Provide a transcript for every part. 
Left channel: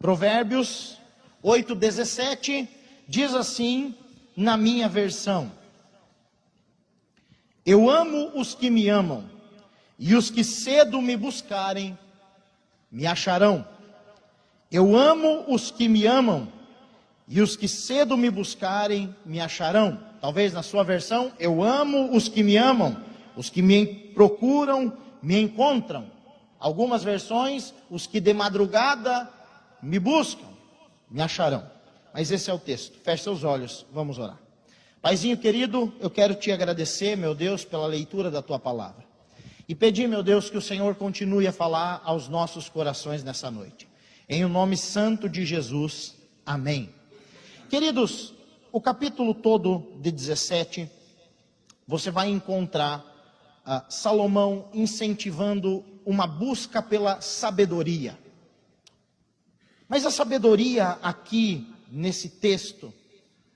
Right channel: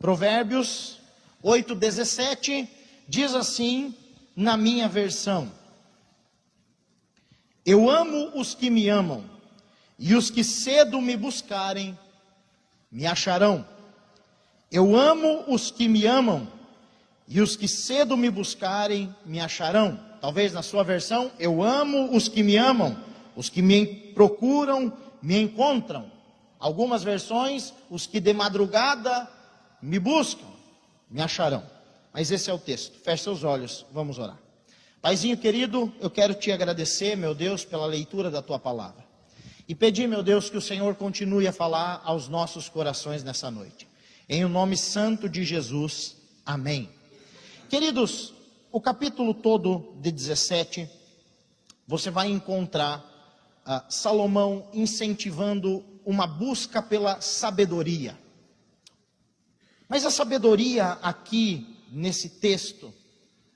Provérbios 8:17 diz assim na minha versão: eu amo os que me amam, e os que cedo me buscarem, me acharão. Eu amo os que me amam, e os que cedo me buscarem, me acharão. Talvez na sua versão, eu amo os que me amam, os que me procuram, me encontram. Algumas versões, os que de madrugada me buscam, me acharão. Mas esse é o texto. Feche seus olhos, vamos orar. Paizinho querido, eu quero te agradecer, meu Deus, pela leitura da tua palavra. E pedir, meu Deus, que o Senhor continue a falar aos nossos corações nessa noite. Em o nome santo de Jesus, amém. Queridos, o capítulo todo de 17, você vai encontrar Salomão incentivando uma busca pela sabedoria. Mas a sabedoria aqui, nesse texto,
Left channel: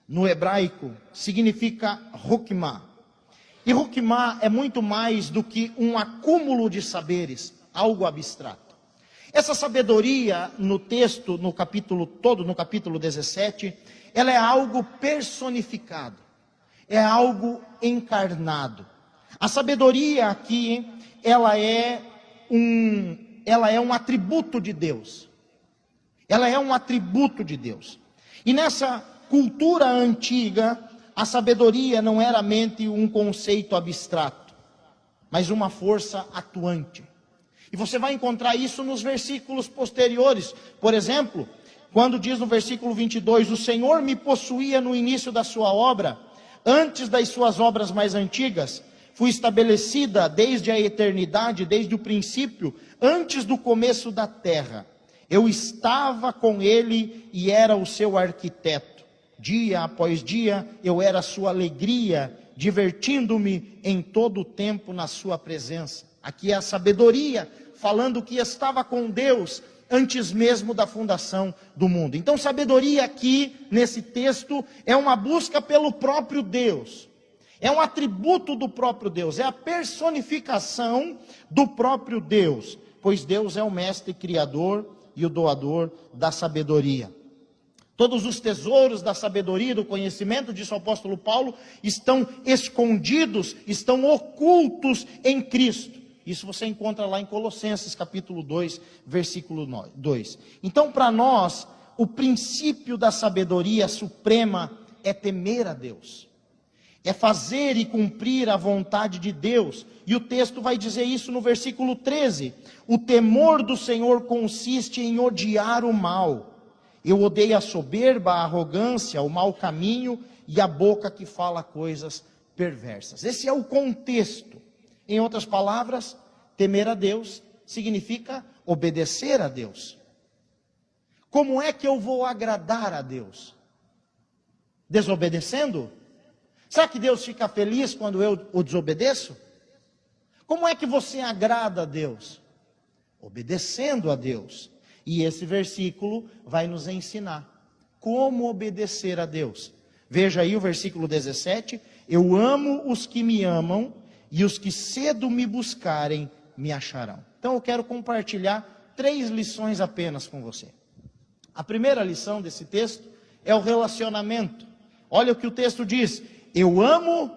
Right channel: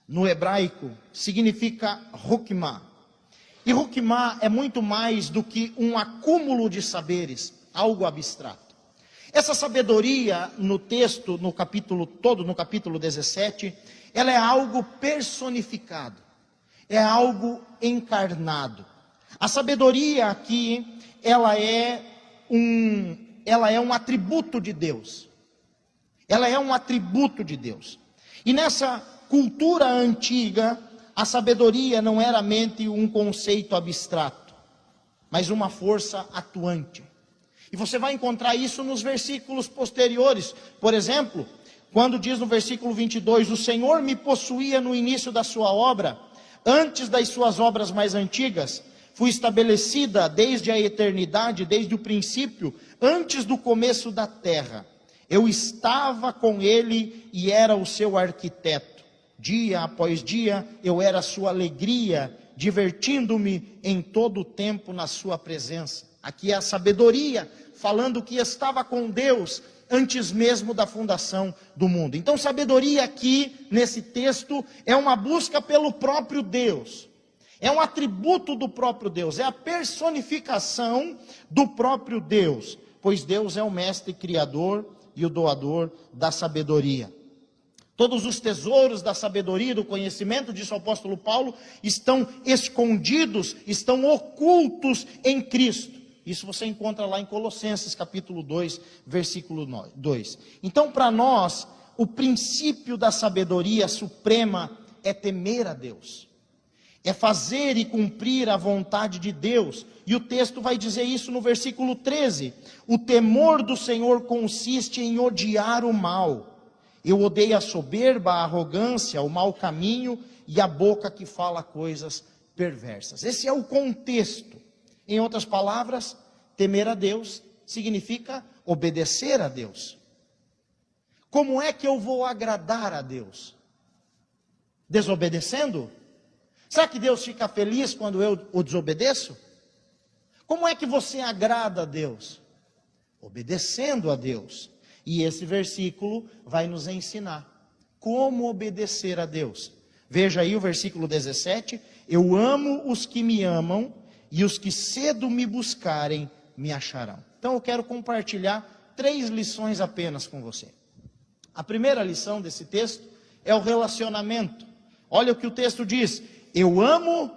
no hebraico, significa Hokmah. E Hokmah é muito mais do que um acúmulo de saberes, algo abstrato. Essa sabedoria no texto, no capítulo todo, no capítulo 17, ela é algo personificado, é algo encarnado. A sabedoria aqui, ela é um atributo de Deus. Ela é um atributo de Deus. E nessa cultura antiga, a sabedoria não era mente um conceito abstrato, mas uma força atuante. E você vai encontrar isso nos versículos posteriores. Por exemplo, quando diz no versículo 22, o Senhor me possuía no início da sua obra, antes das suas obras mais antigas, fui estabelecida desde a eternidade, desde o princípio, antes do começo da terra. Eu estava com ele e era o seu arquiteto. Dia após dia, eu era a sua alegria, divertindo-me em todo o tempo na sua presença. Aqui é a sabedoria, falando que estava com Deus antes mesmo da fundação do mundo. Então, sabedoria aqui, nesse texto, é uma busca pelo próprio Deus. É um atributo do próprio Deus, é a personificação do próprio Deus, pois Deus é o mestre criador e o doador da sabedoria. Todos os tesouros da sabedoria e do conhecimento, diz o apóstolo Paulo, estão escondidos, estão ocultos em Cristo. Isso você encontra lá em Colossenses capítulo 2, versículo 2. Então, para nós, o princípio da sabedoria suprema é temer a Deus. É fazer e cumprir a vontade de Deus. E o texto vai dizer isso no versículo 13. O temor do Senhor consiste em odiar o mal. Eu odeio a soberba, a arrogância, o mau caminho e a boca que fala coisas perversas. Esse é o contexto. Em outras palavras, temer a Deus significa obedecer a Deus. Como é que eu vou agradar a Deus? Desobedecendo? Será que Deus fica feliz quando eu o desobedeço? Como é que você agrada a Deus? Obedecendo a Deus. E esse versículo vai nos ensinar como obedecer a Deus. Veja aí o versículo 17. Eu amo os que me amam, e os que cedo me buscarem, me acharão. Então eu quero compartilhar 3 lições apenas com você. A primeira lição desse texto é o relacionamento. Olha o que o texto diz. Eu amo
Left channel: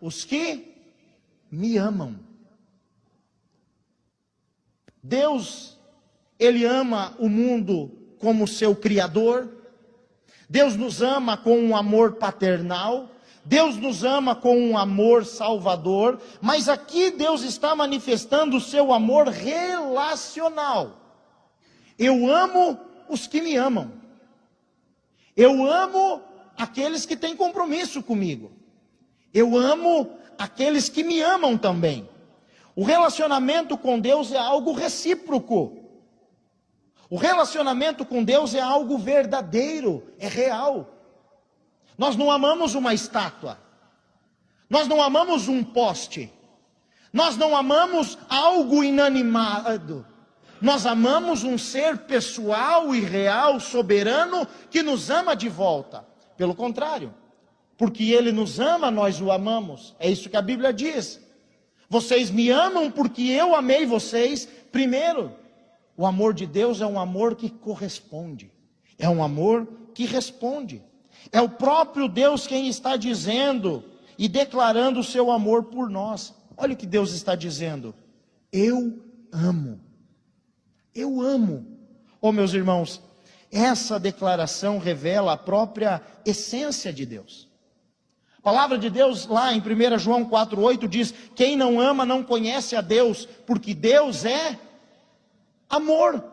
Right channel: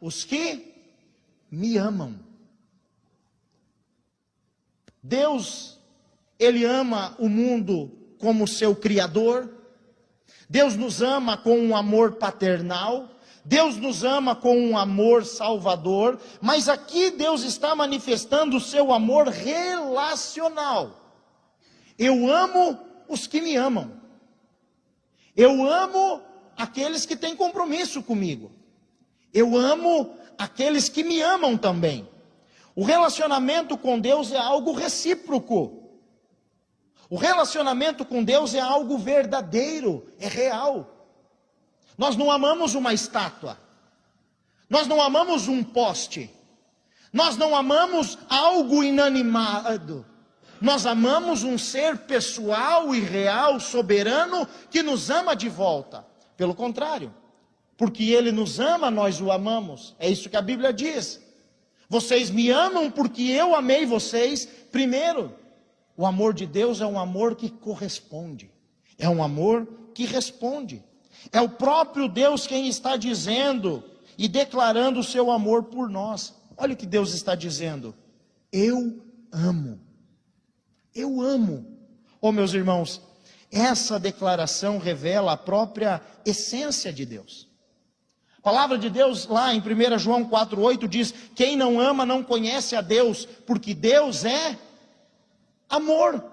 os que me amam. Deus, Ele ama o mundo como seu Criador. Deus nos ama com um amor paternal. Deus nos ama com um amor salvador. Mas aqui Deus está manifestando o seu amor relacional. Eu amo os que me amam. Eu amo aqueles que têm compromisso comigo. Eu amo aqueles que me amam também. O relacionamento com Deus é algo recíproco. O relacionamento com Deus é algo verdadeiro, é real. Nós não amamos uma estátua. Nós não amamos um poste. Nós não amamos algo inanimado. Nós amamos um ser pessoal e real, soberano, que nos ama de volta. Pelo contrário, porque Ele nos ama, nós o amamos. É isso que a Bíblia diz. Vocês me amam porque eu amei vocês primeiro. O amor de Deus é um amor que corresponde, é um amor que responde. É o próprio Deus quem está dizendo e declarando o seu amor por nós. Olha o que Deus está dizendo: eu amo. Eu amo. Oh, meus irmãos, essa declaração revela a própria essência de Deus. A palavra de Deus lá em 1 João 4,8 diz: quem não ama não conhece a Deus, porque Deus é amor.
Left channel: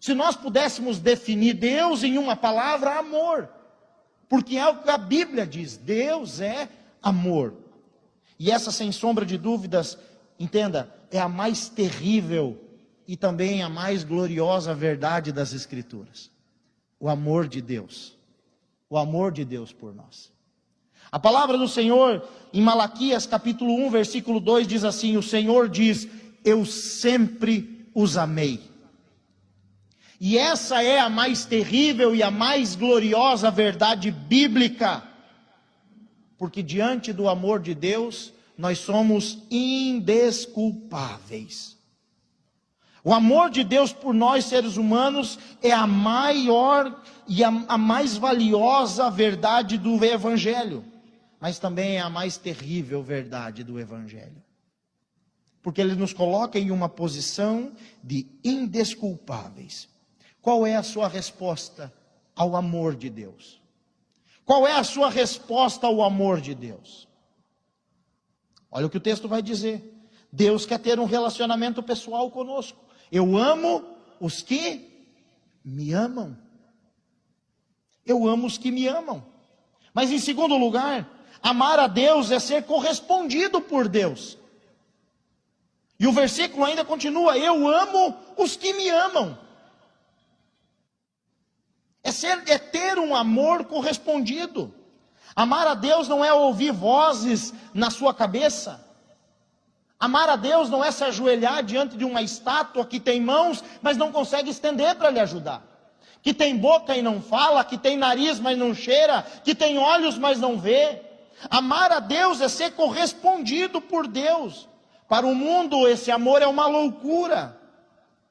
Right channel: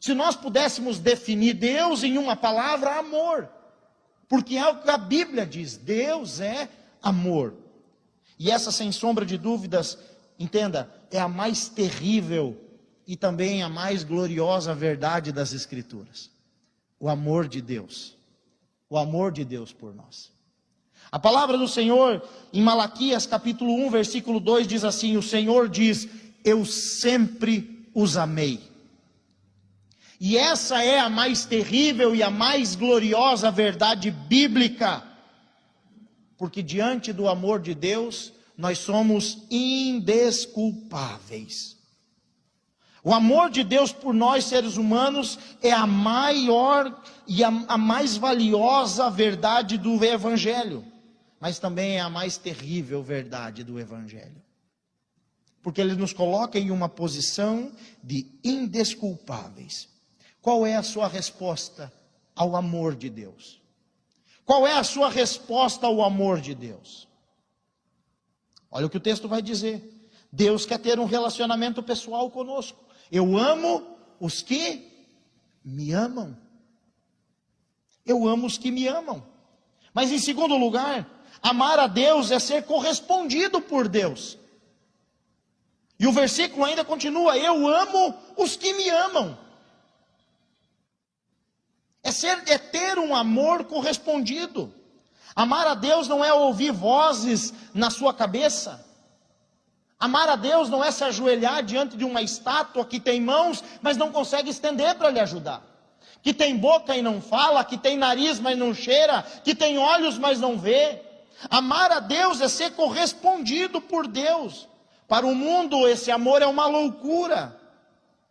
Se nós pudéssemos definir Deus em uma palavra, amor, porque é o que a Bíblia diz: Deus é amor. E essa, sem sombra de dúvidas, entenda, é a mais terrível e também a mais gloriosa verdade das Escrituras. O amor de Deus. O amor de Deus por nós. A palavra do Senhor, em Malaquias capítulo 1, versículo 2, diz assim: o Senhor diz: eu sempre os amei. E essa é a mais terrível e a mais gloriosa verdade bíblica. Porque diante do amor de Deus, nós somos indesculpáveis. O amor de Deus por nós, seres humanos, é a maior e a mais valiosa verdade do Evangelho. Mas também é a mais terrível verdade do Evangelho. Porque ele nos coloca em uma posição de indesculpáveis. Qual é a sua resposta ao amor de Deus? Qual é a sua resposta ao amor de Deus? Olha o que o texto vai dizer. Deus quer ter um relacionamento pessoal conosco. Eu amo os que me amam. Eu amo os que me amam. Mas em segundo lugar, amar a Deus é ser correspondido por Deus. E o versículo ainda continua: eu amo os que me amam. É ter um amor correspondido. Amar a Deus não é ouvir vozes na sua cabeça. Amar a Deus não é se ajoelhar diante de uma estátua que tem mãos, mas não consegue estender para lhe ajudar. Que tem boca e não fala, que tem nariz, mas não cheira, que tem olhos, mas não vê. Amar a Deus é ser correspondido por Deus. Para o mundo esse amor é uma loucura.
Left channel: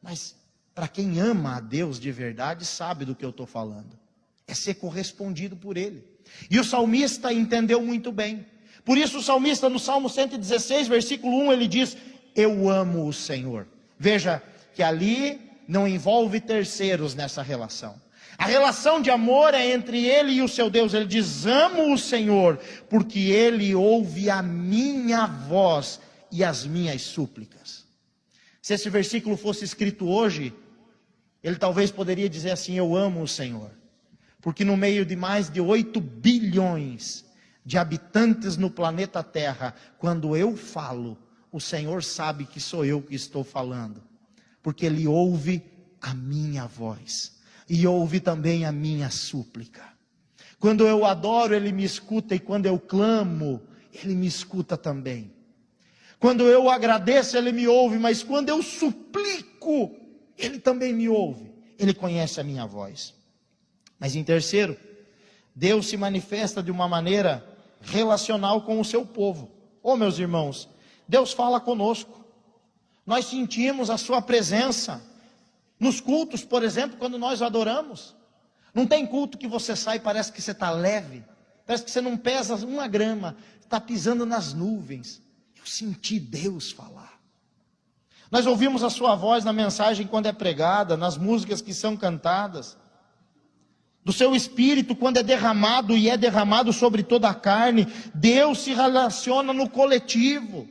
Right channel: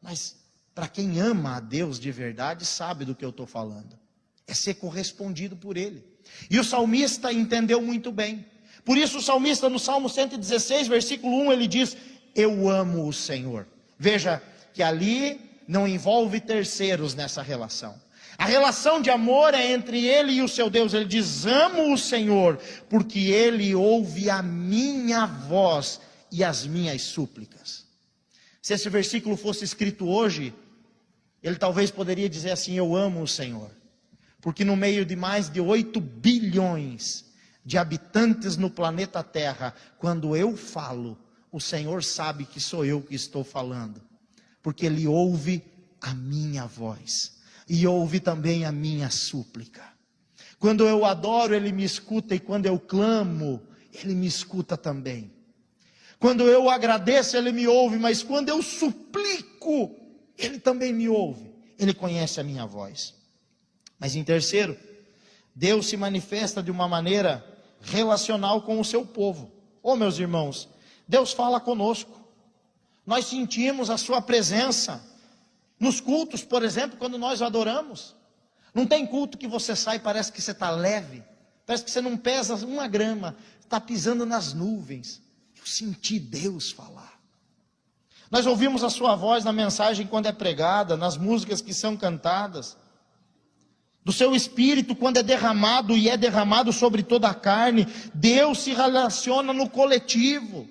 Mas para quem ama a Deus de verdade, sabe do que eu estou falando. É ser correspondido por Ele. E o salmista entendeu muito bem. Por isso o salmista no Salmo 116, versículo 1, ele diz: eu amo o Senhor. Veja que ali não envolve terceiros nessa relação. A relação de amor é entre ele e o seu Deus. Ele diz: amo o Senhor, porque Ele ouve a minha voz e as minhas súplicas. Se esse versículo fosse escrito hoje, ele talvez poderia dizer assim: eu amo o Senhor. Porque no meio de mais de 8 bilhões de habitantes no planeta Terra, quando eu falo, o Senhor sabe que sou eu que estou falando. Porque Ele ouve a minha voz e ouve também a minha súplica. Quando eu adoro, Ele me escuta, e quando eu clamo, Ele me escuta também. Quando eu agradeço, Ele me ouve, mas quando eu suplico, Ele também me ouve. Ele conhece a minha voz. Mas em terceiro, Deus se manifesta de uma maneira relacional com o seu povo. Oh, meus irmãos, Deus fala conosco. Nós sentimos a sua presença. Nos cultos, por exemplo, quando nós adoramos. Não tem culto que você sai e parece que você está leve. Parece que você não pesa 1 grama. Está pisando nas nuvens. Eu senti Deus falar. Nós ouvimos a sua voz na mensagem quando é pregada, nas músicas que são cantadas. Do seu Espírito quando é derramado, e é derramado sobre toda a carne. Deus se relaciona no coletivo.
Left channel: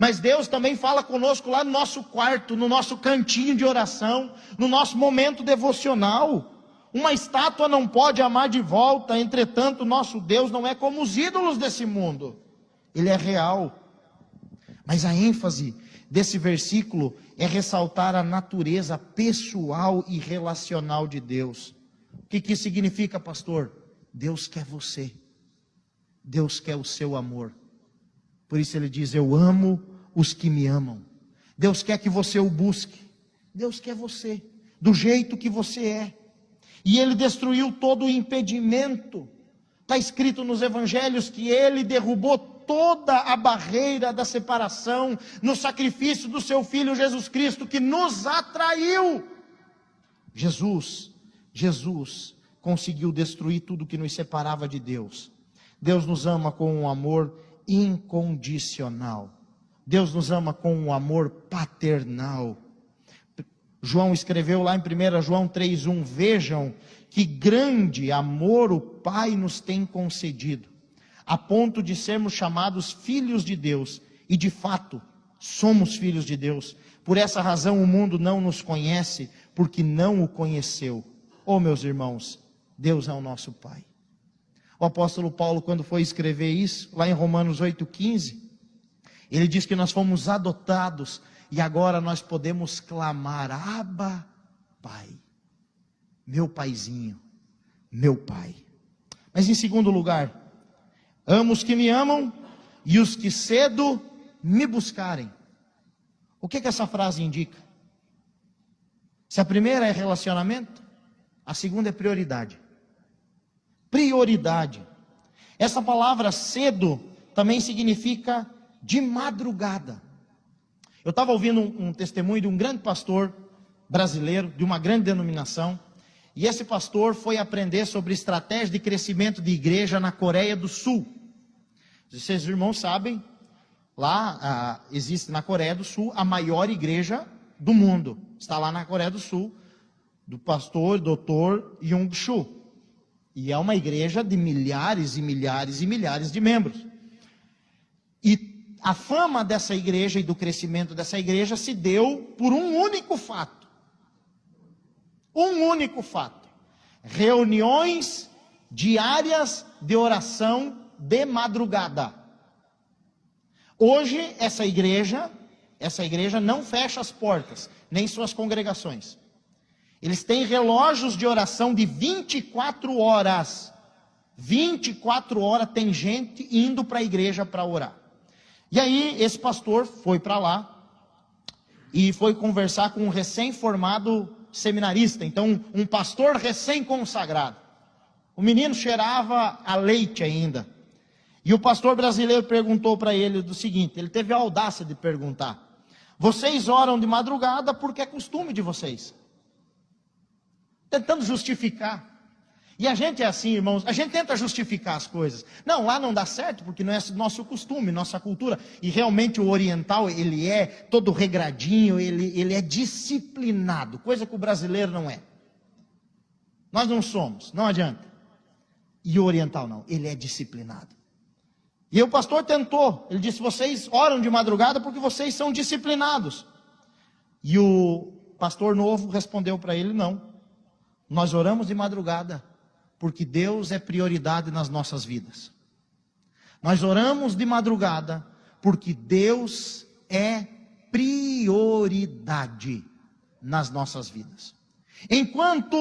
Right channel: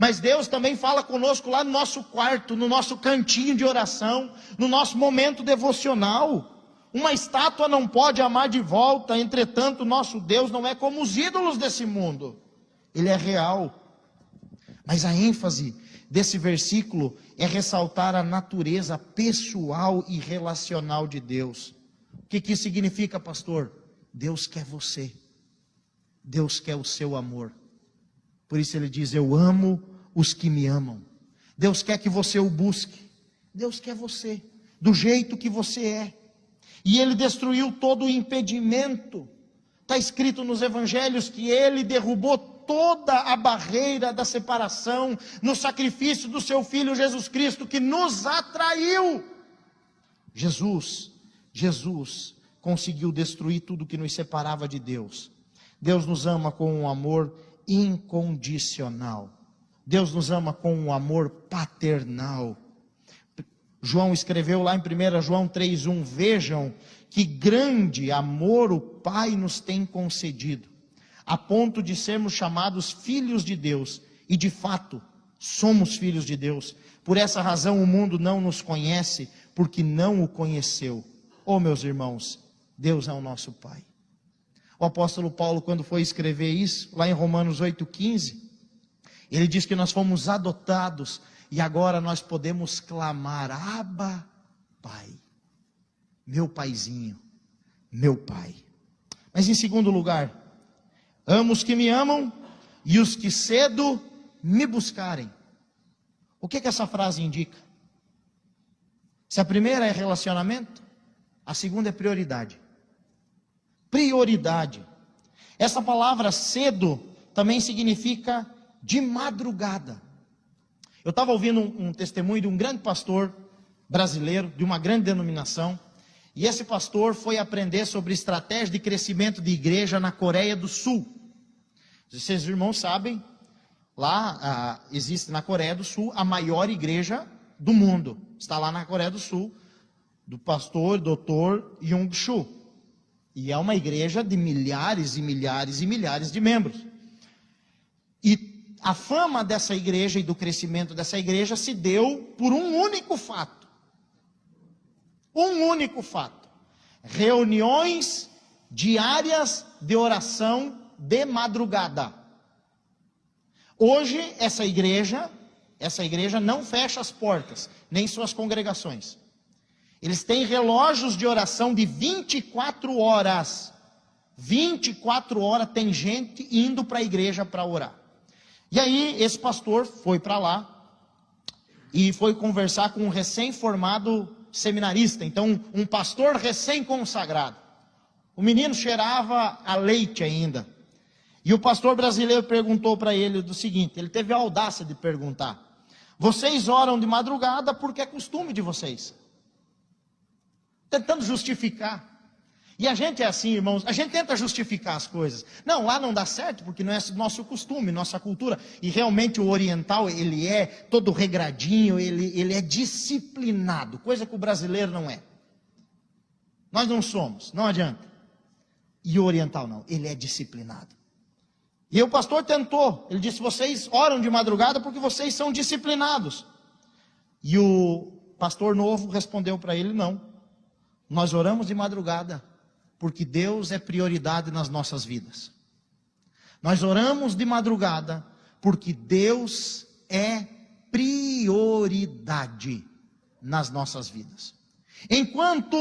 Mas Deus também fala conosco lá no nosso quarto, no nosso cantinho de oração, no nosso momento devocional. Uma estátua não pode amar de volta, entretanto, nosso Deus não é como os ídolos desse mundo. Ele é real. Mas a ênfase desse versículo é ressaltar a natureza pessoal e relacional de Deus. O que isso significa, pastor? Deus quer você. Deus quer o seu amor. Por isso ele diz: eu amo os que me amam. Deus quer que você o busque. Deus quer você, do jeito que você é. E Ele destruiu todo o impedimento. Está escrito nos evangelhos que Ele derrubou toda a barreira da separação no sacrifício do seu Filho Jesus Cristo, que nos atraiu. Jesus conseguiu destruir tudo que nos separava de Deus. Deus nos ama com um amor incondicional. Deus nos ama com um amor paternal. João escreveu lá em 1 João 3,1, vejam que grande amor o Pai nos tem concedido, a ponto de sermos chamados filhos de Deus, e de fato, somos filhos de Deus. Por essa razão o mundo não nos conhece, porque não o conheceu. Oh, meus irmãos, Deus é o nosso Pai. O apóstolo Paulo, quando foi escrever isso, lá em Romanos 8,15, ele diz que nós fomos adotados, e agora nós podemos clamar, Abba, Pai, meu paizinho, meu Pai. Mas em segundo lugar, amo os que me amam, e os que cedo me buscarem. O que essa frase indica? Se a primeira é relacionamento, a segunda é prioridade. Prioridade. Essa palavra cedo também significa de madrugada. Eu estava ouvindo um testemunho de um grande pastor brasileiro, de uma grande denominação, e esse pastor foi aprender sobre estratégia de crescimento de igreja na Coreia do Sul. Vocês irmãos sabem, lá existe na Coreia do Sul a maior igreja do mundo. Está lá na Coreia do Sul, do pastor Dr. Young-Soo. E é uma igreja de milhares e milhares e milhares de membros. E a fama dessa igreja e do crescimento dessa igreja se deu por um único fato. Um único fato. Reuniões diárias de oração de madrugada. Hoje, essa igreja não fecha as portas, nem suas congregações. Eles têm relógios de oração de 24 horas. 24 horas tem gente indo para a igreja para orar. E aí, esse pastor foi para lá e foi conversar com um recém-formado seminarista. Então, um pastor recém-consagrado. O menino cheirava a leite ainda. E o pastor brasileiro perguntou para ele do seguinte, ele teve a audácia de perguntar, vocês oram de madrugada porque é costume de vocês. Tentando justificar. E a gente é assim, irmãos, a gente tenta justificar as coisas. Não, lá não dá certo, porque não é nosso costume, nossa cultura. E realmente o oriental, ele é todo regradinho, ele é disciplinado, coisa que o brasileiro não é. Nós não somos, não adianta. E o oriental não, ele é disciplinado. E o pastor tentou, ele disse, vocês oram de madrugada porque vocês são disciplinados. E o pastor novo respondeu para ele, não, nós oramos de madrugada porque Deus é prioridade nas nossas vidas. Nós oramos de madrugada porque Deus é prioridade nas nossas vidas. Enquanto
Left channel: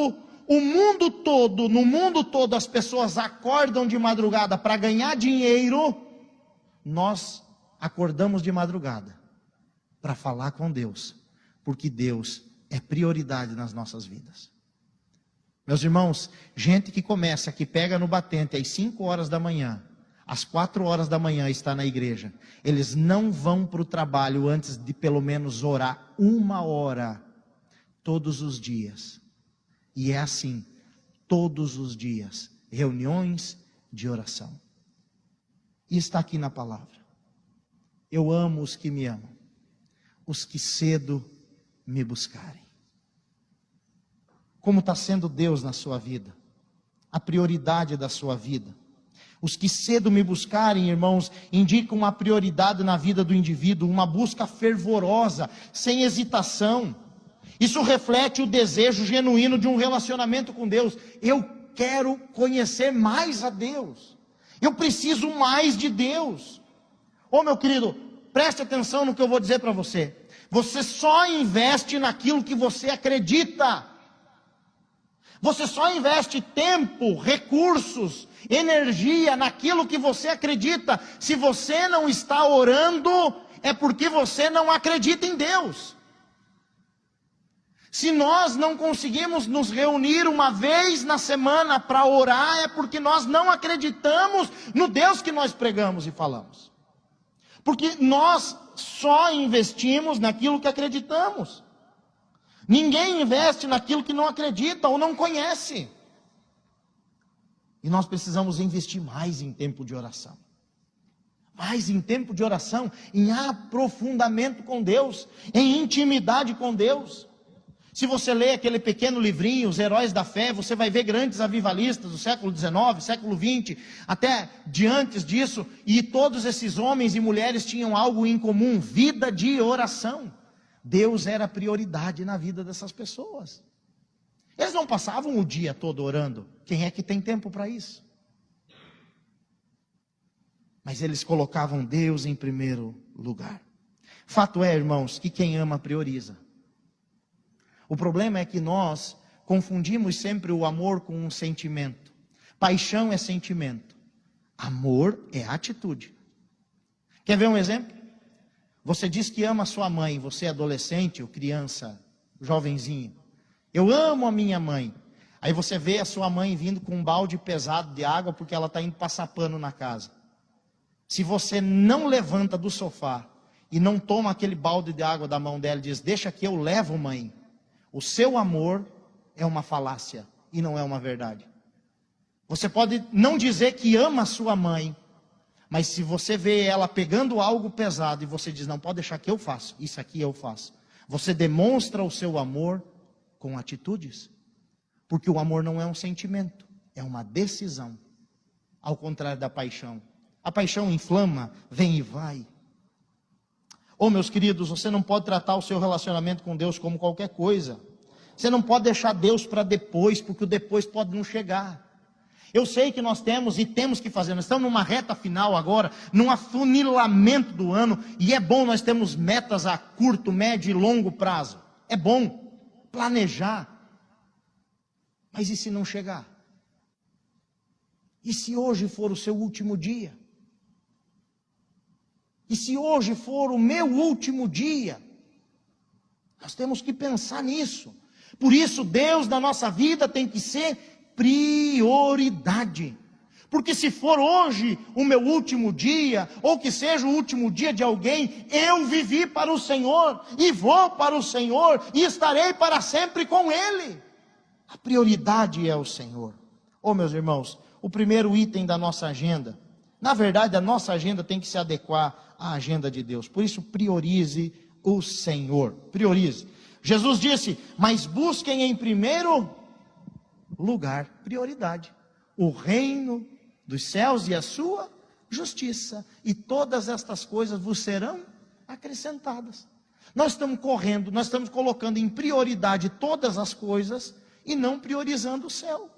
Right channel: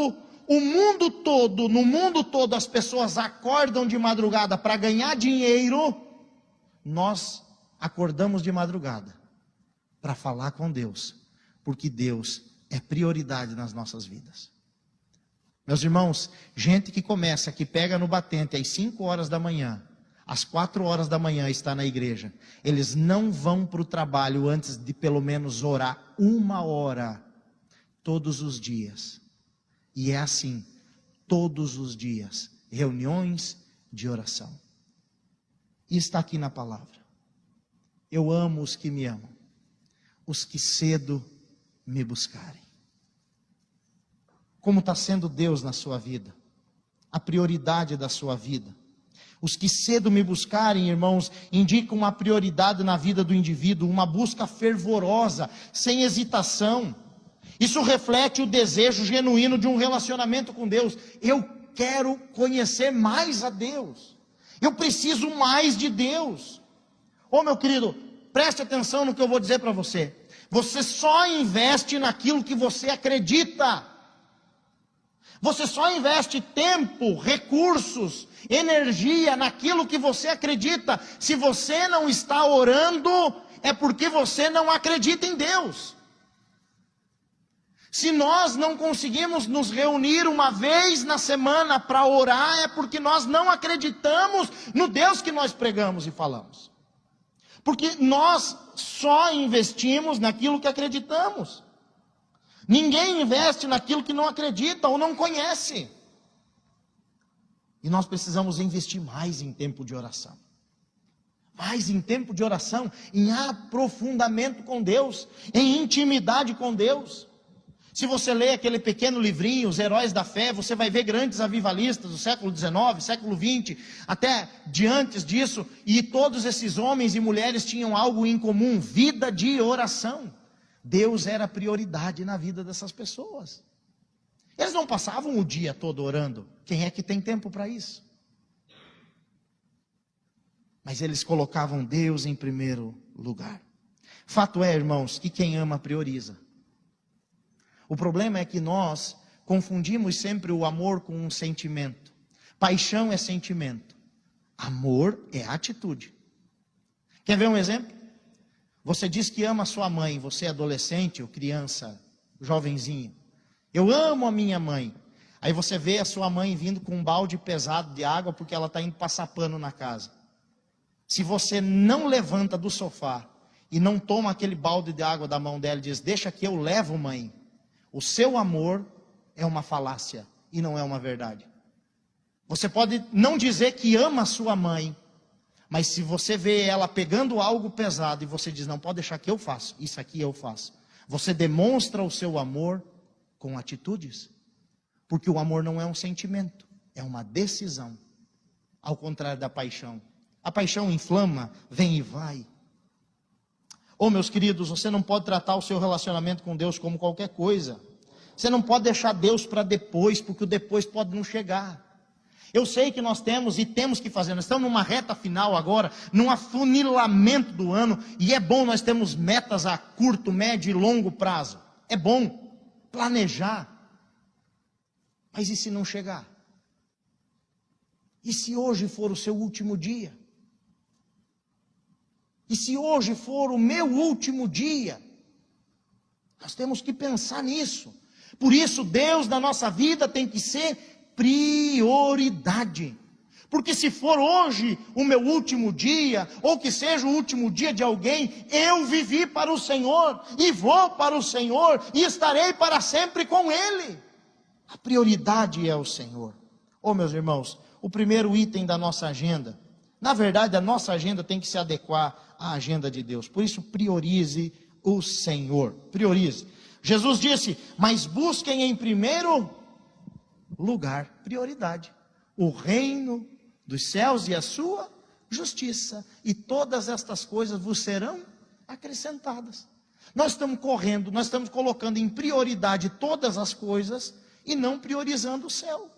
no mundo todo as pessoas acordam de madrugada para ganhar dinheiro, nós acordamos de madrugada para falar com Deus, porque Deus é prioridade nas nossas vidas. Meus irmãos, gente que pega no batente às 5 horas da manhã, às 4 horas da manhã está na igreja, eles não vão para o trabalho antes de pelo menos orar 1 hora, todos os dias. E é assim, todos os dias, reuniões de oração. E está aqui na palavra. Eu amo os que me amam, os que cedo me buscarem. Como está sendo Deus na sua vida? A prioridade da sua vida. Os que cedo me buscarem, irmãos, indicam uma prioridade na vida do indivíduo, uma busca fervorosa, sem hesitação. Isso reflete o desejo genuíno de um relacionamento com Deus. Eu quero conhecer mais a Deus. Eu preciso mais de Deus. Ô meu querido, preste atenção no que eu vou dizer para você. Você só investe naquilo que você acredita. Você só investe tempo, recursos, energia naquilo que você acredita. Se você não está orando, é porque você não acredita em Deus. Se nós não conseguimos nos reunir uma vez na semana para orar, é porque nós não acreditamos no Deus que nós pregamos e falamos. Porque nós só investimos naquilo que acreditamos. Ninguém investe naquilo que não acredita ou não conhece. E nós precisamos investir mais em tempo de oração. Mais em tempo de oração, em aprofundamento com Deus, em intimidade com Deus. Se você ler aquele pequeno livrinho, Os Heróis da Fé, você vai ver grandes avivalistas do século XIX, século XX, até de antes disso, e todos esses homens e mulheres tinham algo em comum: vida de oração. Deus era prioridade na vida dessas pessoas. Eles não passavam o dia todo orando. Quem é que tem tempo para isso? Mas eles colocavam Deus em primeiro lugar. Fato é, irmãos, que quem ama prioriza. O problema é que nós confundimos sempre o amor com um sentimento. Paixão é sentimento. Amor é atitude. Quer ver um exemplo? Você diz que ama a sua mãe, você é adolescente ou criança, jovenzinho. Eu amo a minha mãe. Aí você vê a sua mãe vindo com um balde pesado de água porque ela está indo passar pano na casa. Se você não levanta do sofá e não toma aquele balde de água da mão dela e diz: deixa que eu levo, mãe, o seu amor é uma falácia e não é uma verdade. Você pode não dizer que ama a sua mãe, mas se você vê ela pegando algo pesado e você diz: não, pode deixar que eu faço, isso aqui eu faço. Você demonstra o seu amor com atitudes. Porque o amor não é um sentimento, é uma decisão. Ao contrário da paixão. A paixão inflama, vem e vai. Oh, meus queridos, você não pode tratar o seu relacionamento com Deus como qualquer coisa. Você não pode deixar Deus para depois, porque o depois pode não chegar. Eu sei que nós temos e temos que fazer, nós estamos numa reta final agora, num afunilamento do ano, e é bom nós termos metas a curto, médio e longo prazo. É bom planejar. Mas e se não chegar? E se hoje for o seu último dia? E se hoje for o meu último dia? Nós temos que pensar nisso. Por isso, Deus na nossa vida tem que ser prioridade. Porque se for hoje o meu último dia, ou que seja o último dia de alguém, eu vivi para o Senhor, e vou para o Senhor, e estarei para sempre com Ele. A prioridade é o Senhor. Oh, meus irmãos, o primeiro item da nossa agenda, na verdade a nossa agenda tem que se adequar à agenda de Deus. Por isso, priorize o Senhor. Priorize. Jesus disse: mas busquem em primeiro lugar, prioridade, o reino dos céus e a sua justiça, e todas estas coisas vos serão acrescentadas. Nós estamos correndo, nós estamos colocando em prioridade todas as coisas e não priorizando o céu.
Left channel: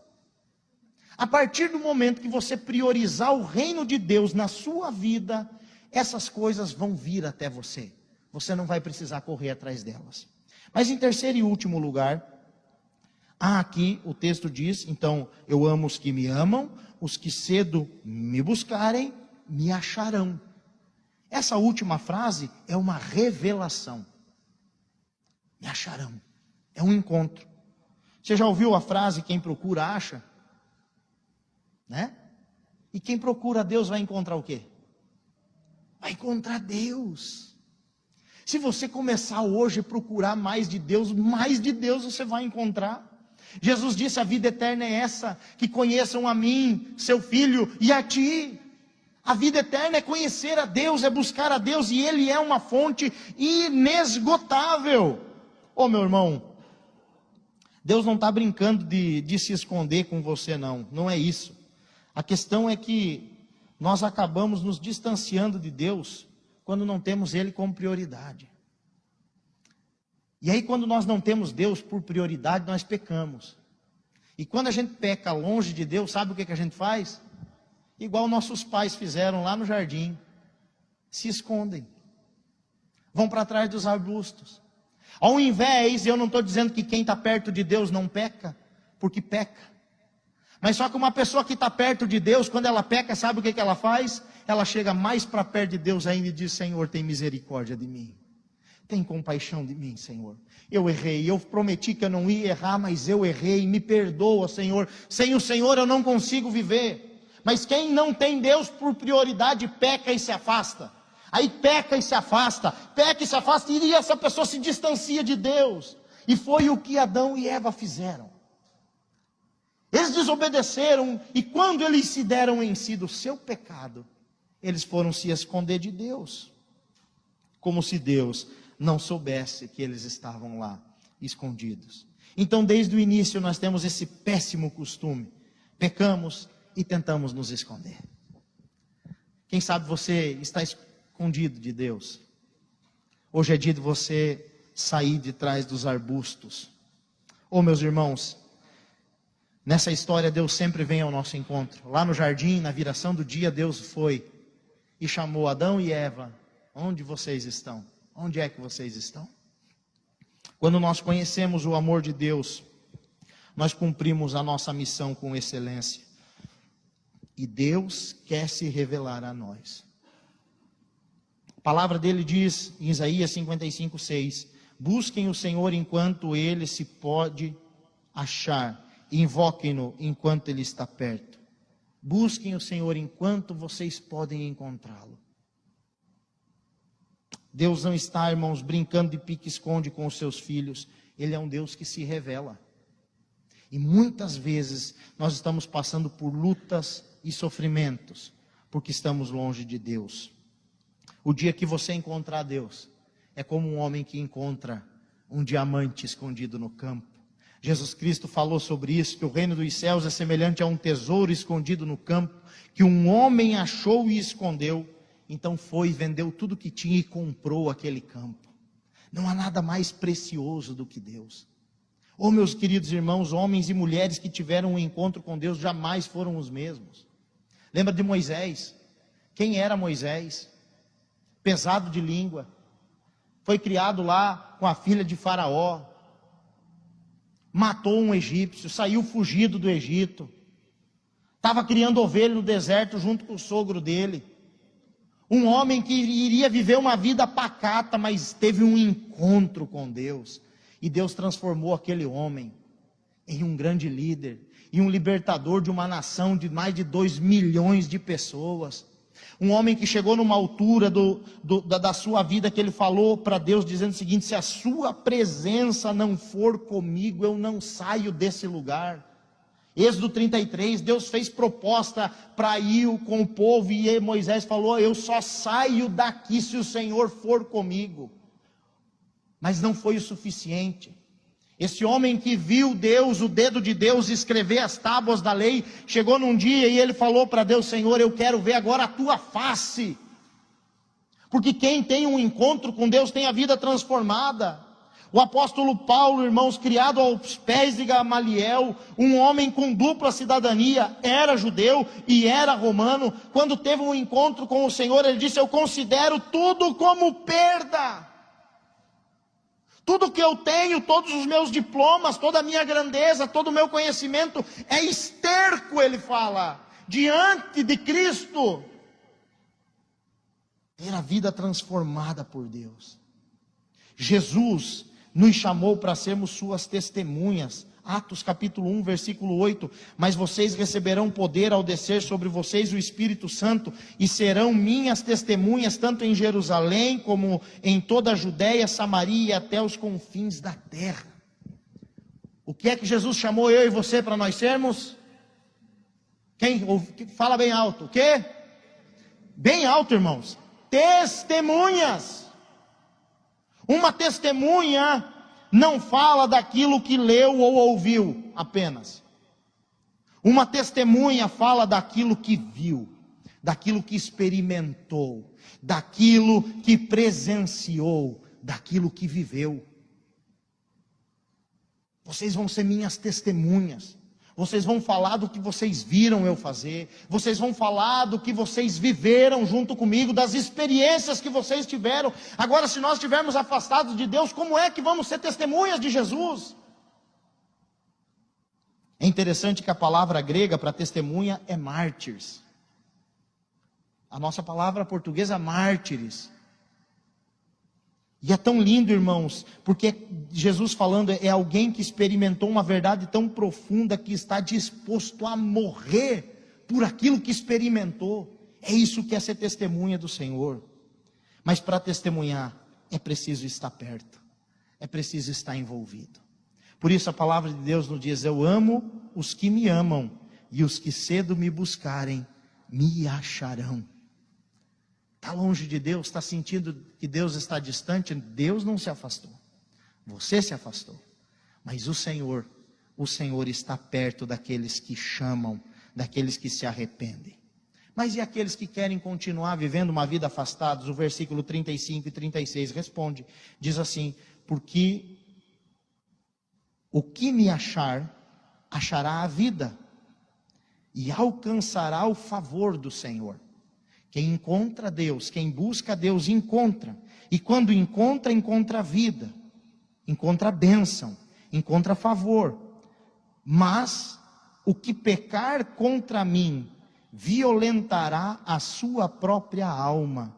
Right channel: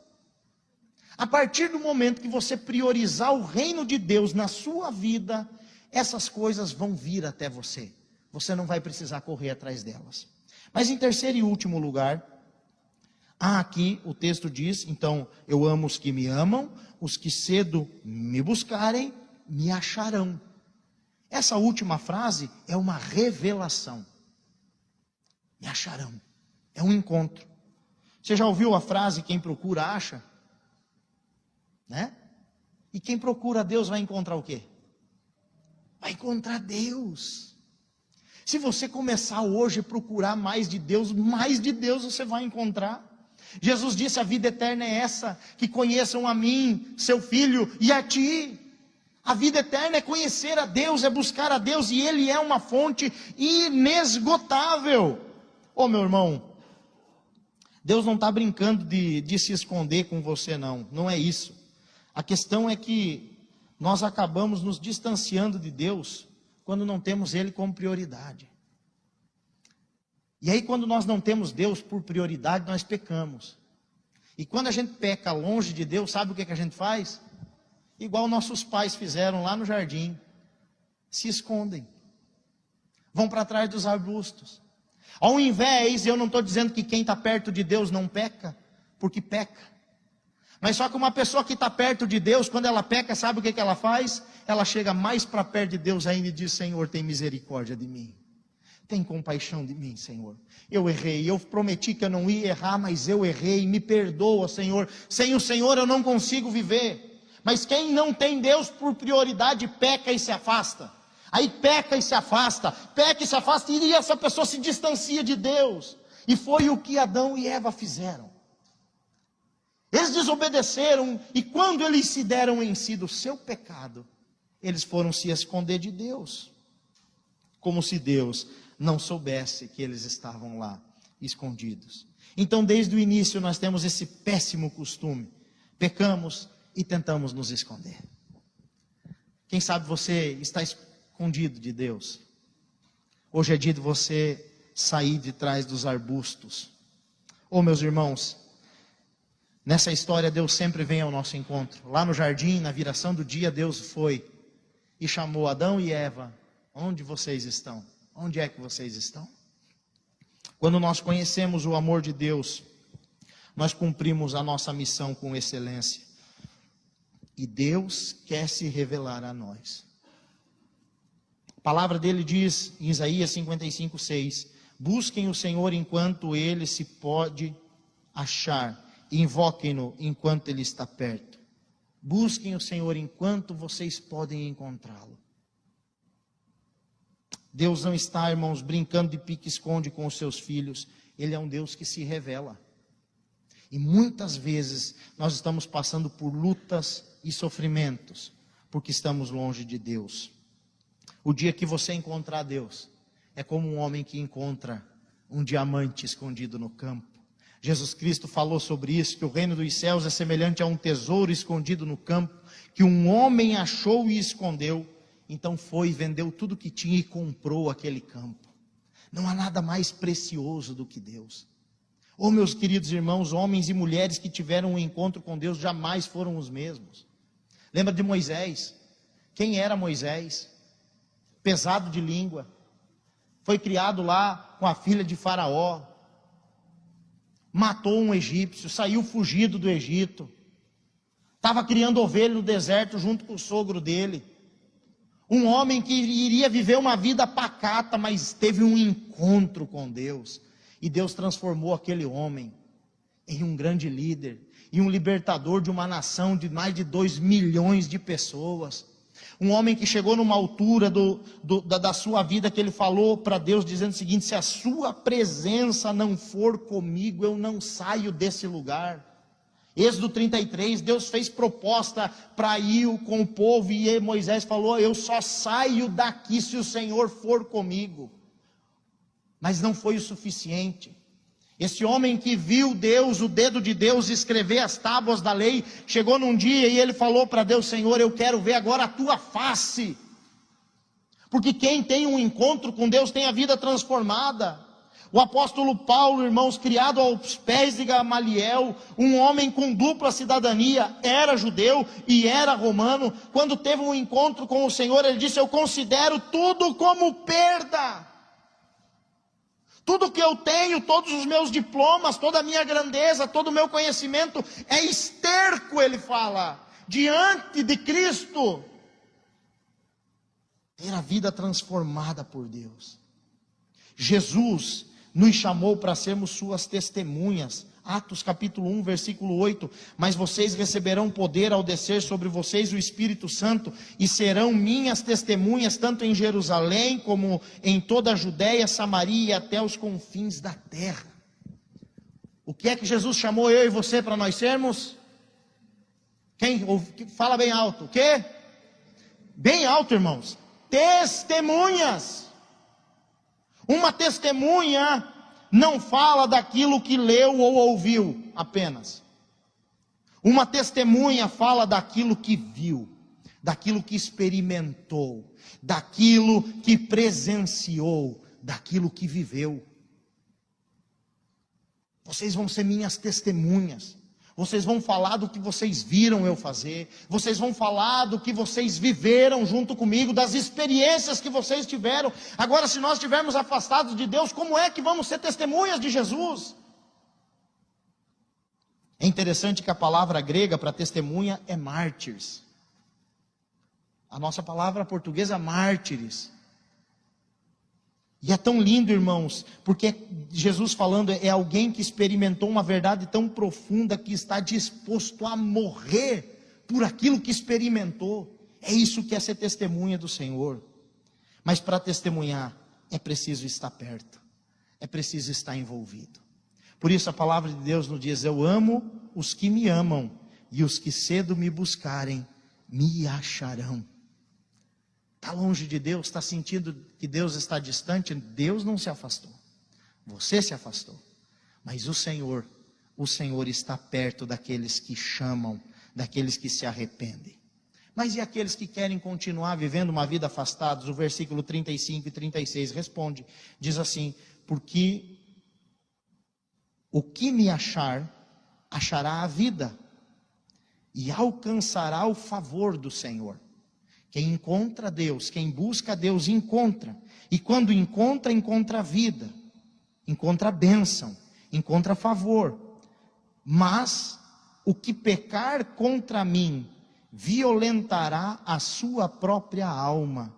A partir do momento que você priorizar o reino de Deus na sua vida, essas coisas vão vir até você. Você não vai precisar correr atrás delas. Mas em terceiro e último lugar, aqui o texto diz: então, eu amo os que me amam, os que cedo me buscarem, me acharão. Essa última frase é uma revelação. Me acharão. É um encontro. Você já ouviu a frase: quem procura, acha? Né? E quem procura Deus vai encontrar o quê? Vai encontrar Deus. Se você começar hoje a procurar mais de Deus você vai encontrar. Jesus disse: a vida eterna é essa, que conheçam a mim, seu Filho, e a ti. A vida eterna é conhecer a Deus, é buscar a Deus, e Ele é uma fonte inesgotável. Oh, meu irmão, Deus não está brincando de se esconder com você, não é isso. A questão é que nós acabamos nos distanciando de Deus quando não temos Ele como prioridade. E aí, quando nós não temos Deus por prioridade, nós pecamos. E quando a gente peca longe de Deus, sabe o que a gente faz? Igual nossos pais fizeram lá no jardim: se escondem, vão para trás dos arbustos. Ao invés, eu não estou dizendo que quem está perto de Deus não peca, porque peca. Mas só que uma pessoa que está perto de Deus, quando ela peca, sabe o que ela faz? Ela chega mais para perto de Deus ainda e diz: Senhor, tem misericórdia de mim. Tem compaixão de mim, Senhor. Eu errei, eu prometi que eu não ia errar, mas eu errei, me perdoa, Senhor. Sem o Senhor eu não consigo viver. Mas quem não tem Deus por prioridade, peca e se afasta. Aí peca e se afasta, e essa pessoa se distancia de Deus. E foi o que Adão e Eva fizeram. Eles desobedeceram, e quando eles se deram em si do seu pecado, eles foram se esconder de Deus, como se Deus não soubesse que eles estavam lá, escondidos. Então, desde o início, nós temos esse péssimo costume, pecamos e tentamos nos esconder. Quem sabe você está escondido de Deus. Hoje é dia de você sair de trás dos arbustos. Meus irmãos, nessa história Deus sempre vem ao nosso encontro. Lá no jardim, na viração do dia, Deus foi e chamou Adão e Eva. Onde vocês estão? Onde é que vocês estão? Quando nós conhecemos o amor de Deus, nós cumprimos a nossa missão com excelência. E Deus quer se revelar a nós. A palavra dele diz em Isaías 55:6: busquem o Senhor enquanto ele se pode achar, e invoquem-no enquanto ele está perto. Busquem o Senhor enquanto vocês podem encontrá-lo. Deus não está, irmãos, brincando de pique-esconde com os seus filhos. Ele é um Deus que se revela. E muitas vezes nós estamos passando por lutas e sofrimentos, porque estamos longe de Deus. O dia que você encontrar Deus, é como um homem que encontra um diamante escondido no campo. Jesus Cristo falou sobre isso, que o reino dos céus é semelhante a um tesouro escondido no campo, que um homem achou e escondeu. Então foi, vendeu tudo que tinha e comprou aquele campo. Não há nada mais precioso do que Deus. Meus queridos irmãos, homens e mulheres que tiveram um encontro com Deus jamais foram os mesmos. Lembra de Moisés? Quem era Moisés? Pesado de língua. Foi criado lá com a filha de Faraó. Matou um egípcio, saiu fugido do Egito. Estava criando ovelha no deserto junto com o sogro dele. Um homem que iria viver uma vida pacata, mas teve um encontro com Deus. E Deus transformou aquele homem em um grande líder, e um libertador de uma nação de mais de 2 milhões de pessoas. Um homem que chegou numa altura da sua vida que ele falou para Deus, dizendo o seguinte: se a sua presença não for comigo, eu não saio desse lugar. Êxodo 33, Deus fez proposta para ir com o povo, e Moisés falou: eu só saio daqui se o Senhor for comigo. Mas não foi o suficiente. Esse homem que viu Deus, o dedo de Deus, escrever as tábuas da lei, chegou num dia e ele falou para Deus: Senhor, eu quero ver agora a tua face. Porque quem tem um encontro com Deus tem a vida transformada. O apóstolo Paulo, irmãos, criado aos pés de Gamaliel, um homem com dupla cidadania, era judeu e era romano. Quando teve um encontro com o Senhor, ele disse: eu considero tudo como perda. Tudo que eu tenho, todos os meus diplomas, toda a minha grandeza, todo o meu conhecimento é esterco, ele fala, diante de Cristo. Ter a vida transformada por Deus. Jesus nos chamou para sermos suas testemunhas. Atos capítulo 1, versículo 8, mas vocês receberão poder ao descer sobre vocês o Espírito Santo, e serão minhas testemunhas, tanto em Jerusalém, como em toda a Judéia, Samaria e até os confins da terra. O que é que Jesus chamou eu e você para nós sermos? Fala bem alto, o quê? Bem alto, irmãos. Testemunhas. Uma testemunha não fala daquilo que leu ou ouviu apenas. Uma testemunha fala daquilo que viu, daquilo que experimentou, daquilo que presenciou, daquilo que viveu. Vocês vão ser minhas testemunhas. Vocês vão falar do que vocês viram eu fazer. Vocês vão falar do que vocês viveram junto comigo, das experiências que vocês tiveram. Agora, se nós estivermos afastados de Deus, como é que vamos ser testemunhas de Jesus? É interessante que a palavra grega para testemunha é mártires. A nossa palavra portuguesa é mártires. E é tão lindo, irmãos, porque Jesus falando é alguém que experimentou uma verdade tão profunda que está disposto a morrer por aquilo que experimentou. É isso que é ser testemunha do Senhor. Mas para testemunhar, é preciso estar perto, é preciso estar envolvido. Por isso a palavra de Deus nos diz: eu amo os que me amam, e os que cedo me buscarem, me acharão. Está longe de Deus, está sentindo que Deus está distante? Deus não se afastou, você se afastou. Mas o Senhor está perto daqueles que chamam, daqueles que se arrependem. Mas e aqueles que querem continuar vivendo uma vida afastados? O versículo 35 e 36 responde, diz assim: porque o que me achar, achará a vida, e alcançará o favor do Senhor. Quem encontra Deus, quem busca Deus, encontra. E quando encontra, encontra vida, encontra bênção, encontra favor. Mas o que pecar contra mim, violentará a sua própria alma.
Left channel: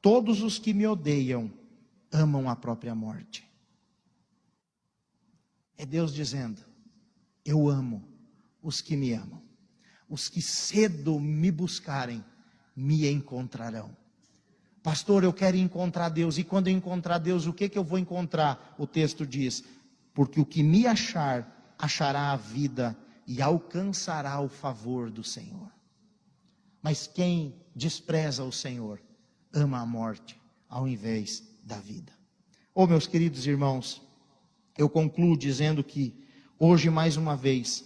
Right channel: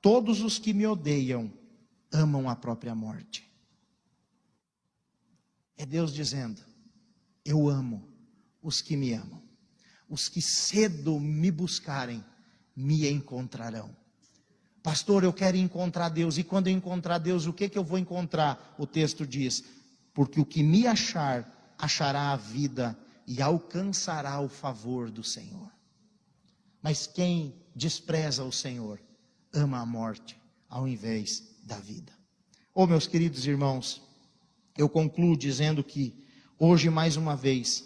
Todos os que me odeiam, amam a própria morte. É Deus dizendo: eu amo os que me amam. Os que cedo me buscarem, me encontrarão. Pastor, eu quero encontrar Deus. E quando eu encontrar Deus, o que eu vou encontrar? O texto diz: porque o que me achar, achará a vida e alcançará o favor do Senhor. Mas quem despreza o Senhor, ama a morte ao invés da vida. Oh, meus queridos irmãos, eu concluo dizendo que hoje, mais uma vez,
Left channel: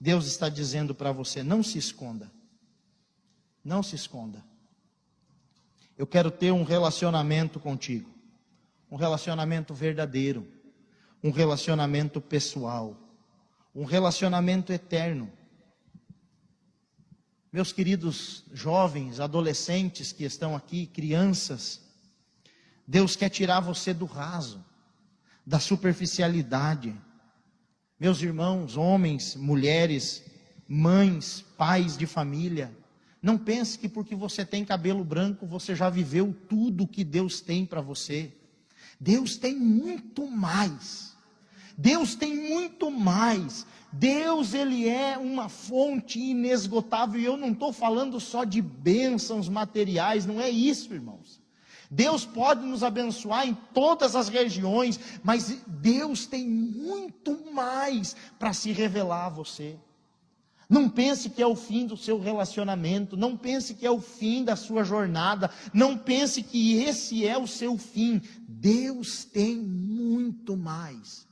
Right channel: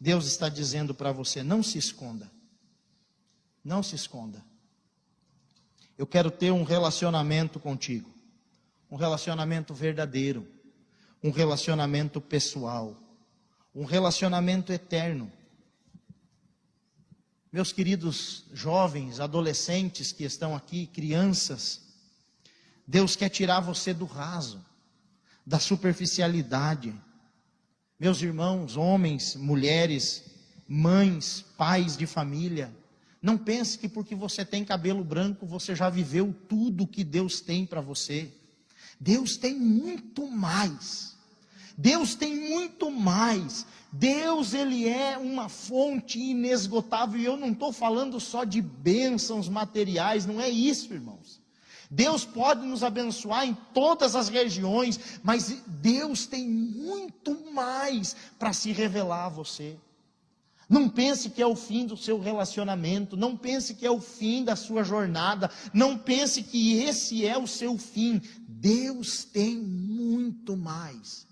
Deus está dizendo para você: não se esconda. Não se esconda. Eu quero ter um relacionamento contigo. Um relacionamento verdadeiro. Um relacionamento pessoal. Um relacionamento eterno. Meus queridos jovens, adolescentes que estão aqui, crianças, Deus quer tirar você do raso, da superficialidade. Meus irmãos, homens, mulheres, mães, pais de família, não pense que porque você tem cabelo branco, você já viveu tudo que Deus tem para você. Deus tem muito mais. Deus tem muito mais. Deus, Ele é uma fonte inesgotável. E eu não estou falando só de bênçãos materiais, não é isso, irmãos. Deus pode nos abençoar em todas as regiões, mas Deus tem muito mais para se revelar a você. Não pense que é o fim do seu relacionamento, não pense que é o fim da sua jornada, não pense que esse é o seu fim. Deus tem muito mais.